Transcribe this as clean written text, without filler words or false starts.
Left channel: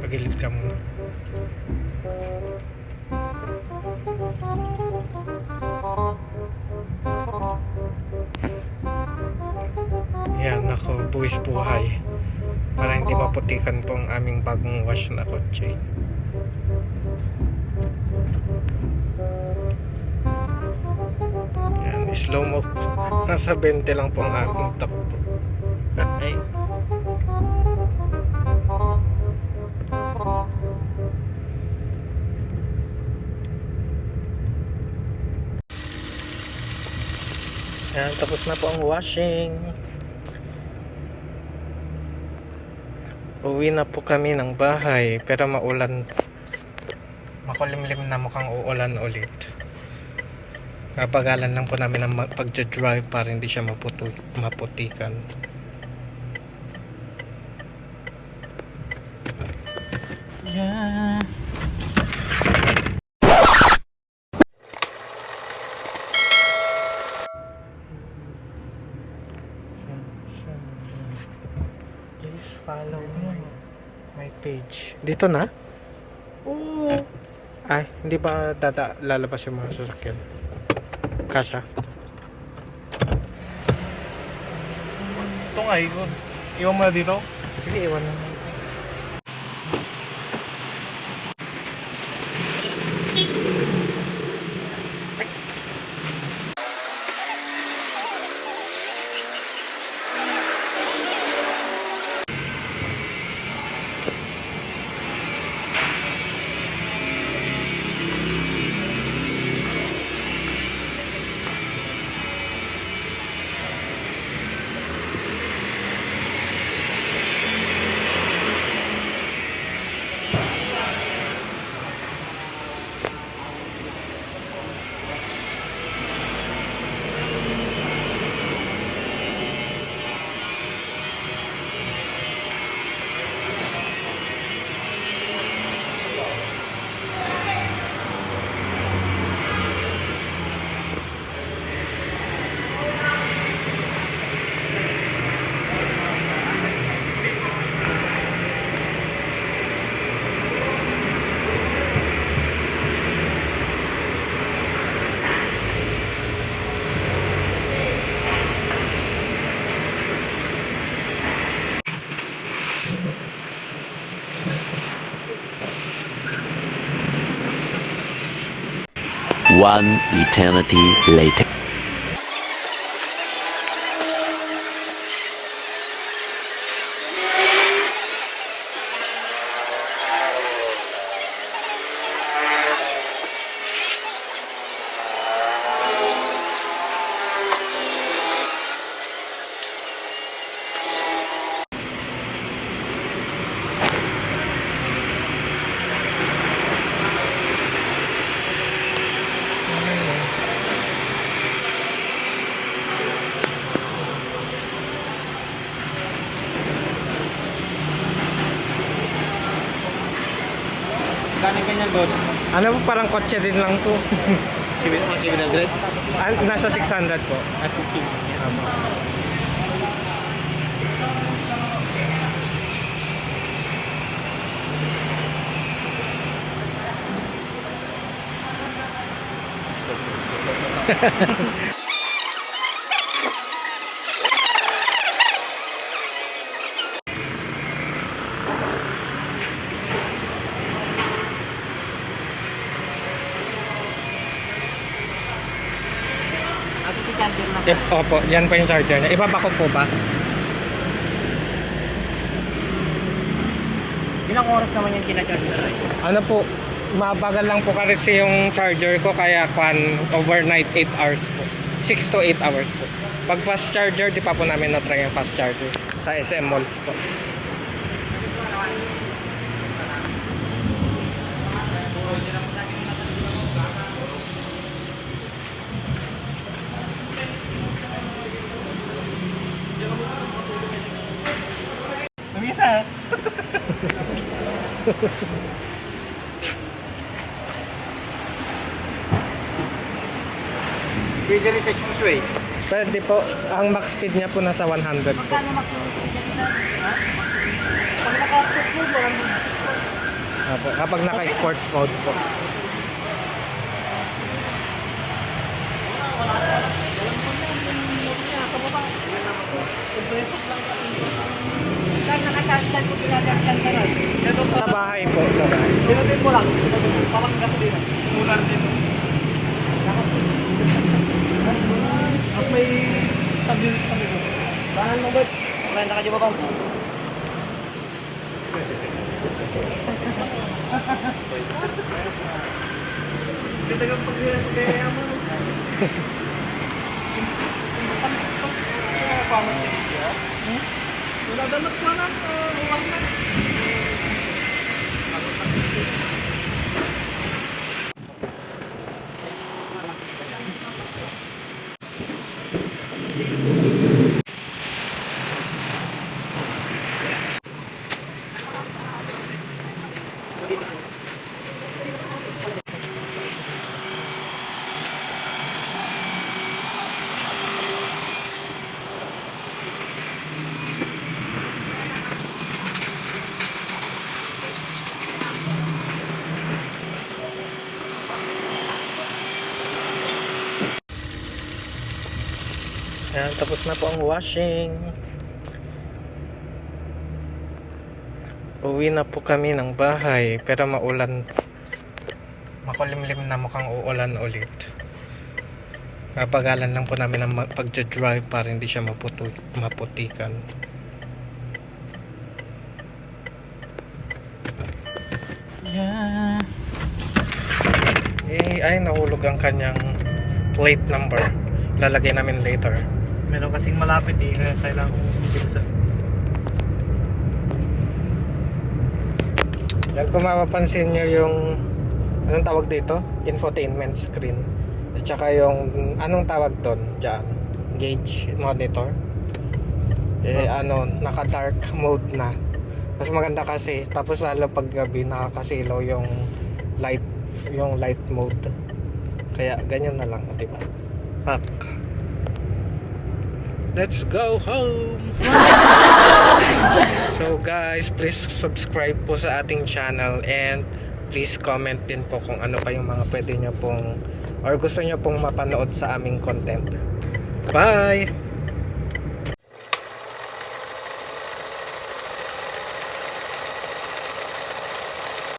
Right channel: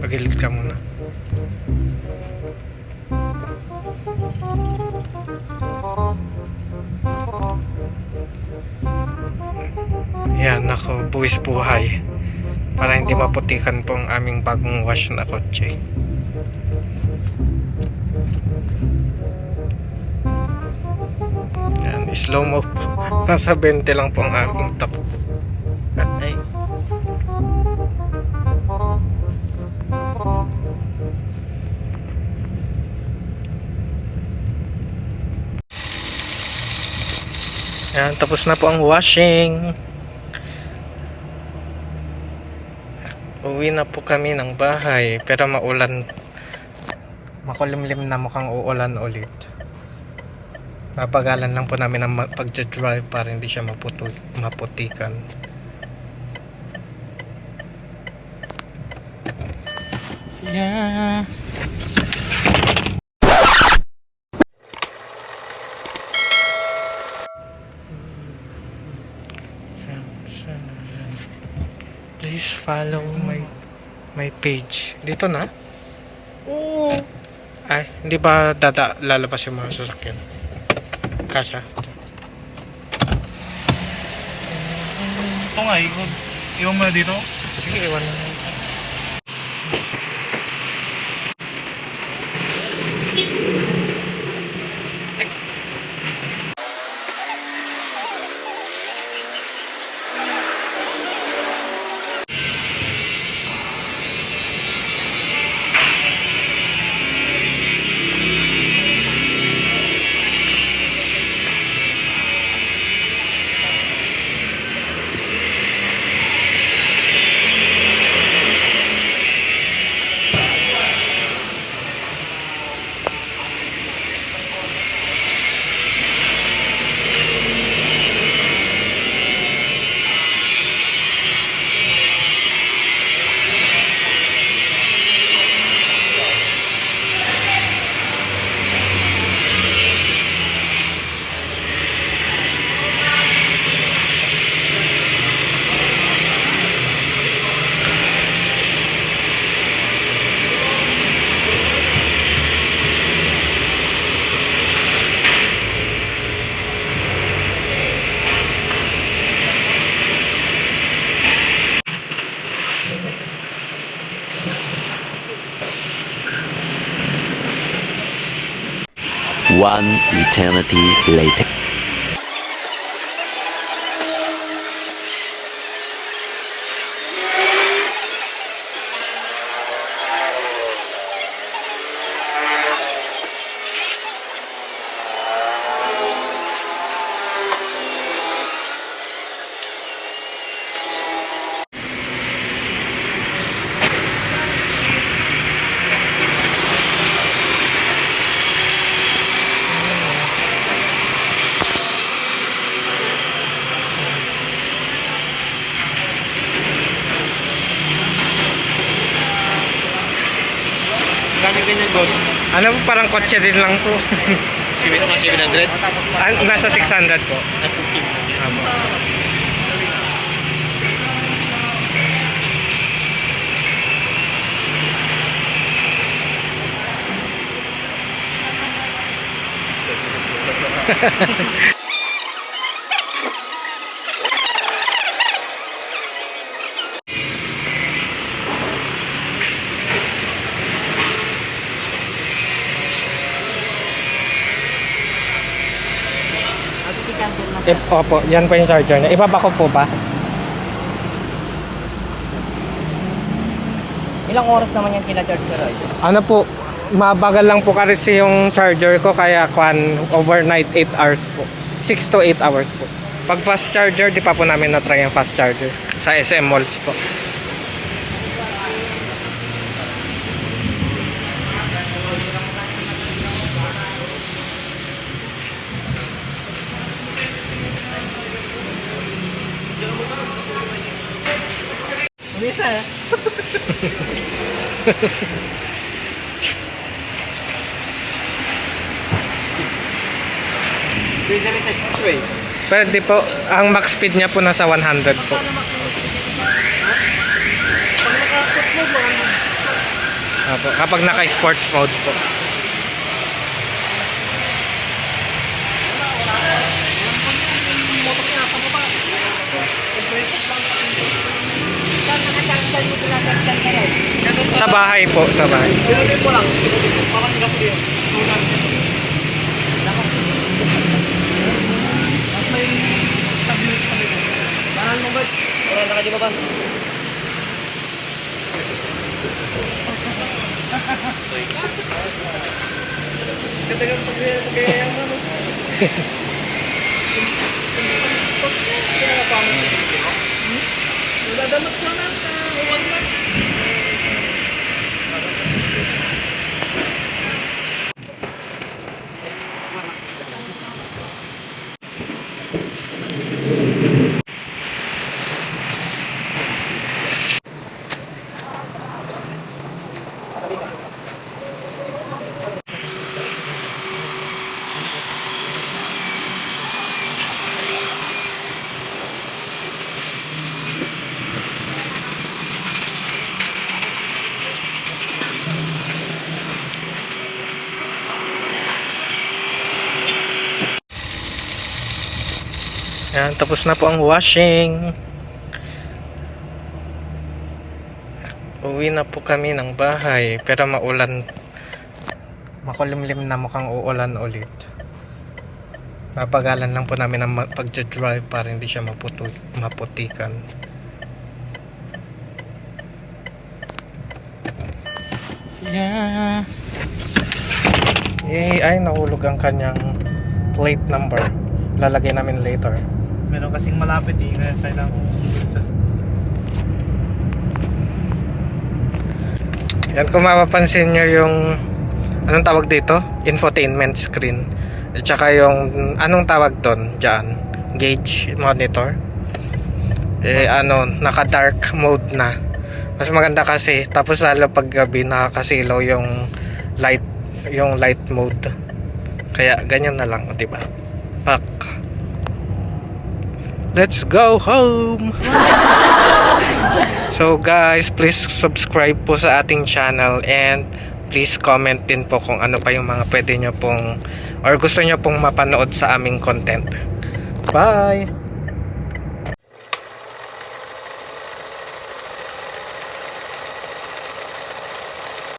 Pagilid ka muna. Yan, ako, buwis buhay. Para hindi maputikan po ang aming bagong wash na kotse. Yan, slow mo. Nasa 20 lang po ang aming takbo. Ay. Yan, tapos na po ang washing. Uwi na po kami ng bahay, pero maulan. Makulimlim na, mukhang uulan ulit. Papagalan lang po namin ang pagja-drive para hindi siya maputikan. Yeah. Please follow my page. Dito na? Oo. Ay, hindi ba lalabas yung mga sasakyan? Kasha. Ito nga, iwan mo na dito. Sige, iwan na. One eternity later. Ano po, parang kotse din lang po. 700? Nasa 600 po. Apo. Opo, yan po yung charger niya. Ibabako po ba? Ilang oras naman yung kinacharge sa ride? Ano po, mabagal lang po kasi yung charger ko, kaya overnight 8 hours po. 6 to 8 hours po. Pag fast charger, di pa po namin na-try yung fast charger sa SM Malls po. Umisa eh. Pwede rin sa expressway. Pwede po, ang max speed niya po nasa 100 po. Paano mag-ha? Apo, kapag naka-sports mode po. Saan nakasasal mo pinagagsan ka raw? Sa bahay po, sa bahay. Sinabit mo lang. Parang gasolin. Solar dito. At may tabi ko. Bahan mo ba? Kurang ka di ba ba? Ganda ng pagkaya mo. Nadamot ko na. Huwag na. Ayan, tapos na po ang washing. Uwi na po kami ng bahay, pero maulan. Makulimlim na, mukhang uulan ulit. Mapagalan lang po namin ang pag-drive para hindi siya maputikan. Yeah. Yay, ay nahulog ang kanyang plate number. Lalagay namin later. Meron kasing malapit eh. Kailangan ko ibigsa. Yan, kung mapapansin nyo yung anong tawag dito? Infotainment screen. At saka yung anong tawag doon dyan? Gauge monitor. Naka dark mode na. Mas maganda kasi, tapos lalo pag gabi nakakasilaw yung light mode. Kaya ganyan na lang, di ba? Pak. Let's go home. So guys, please subscribe po sa ating channel and please comment din po kung ano pa yung mga pwede nyo pong or gusto nyo pong mapanood sa aming content. Bye!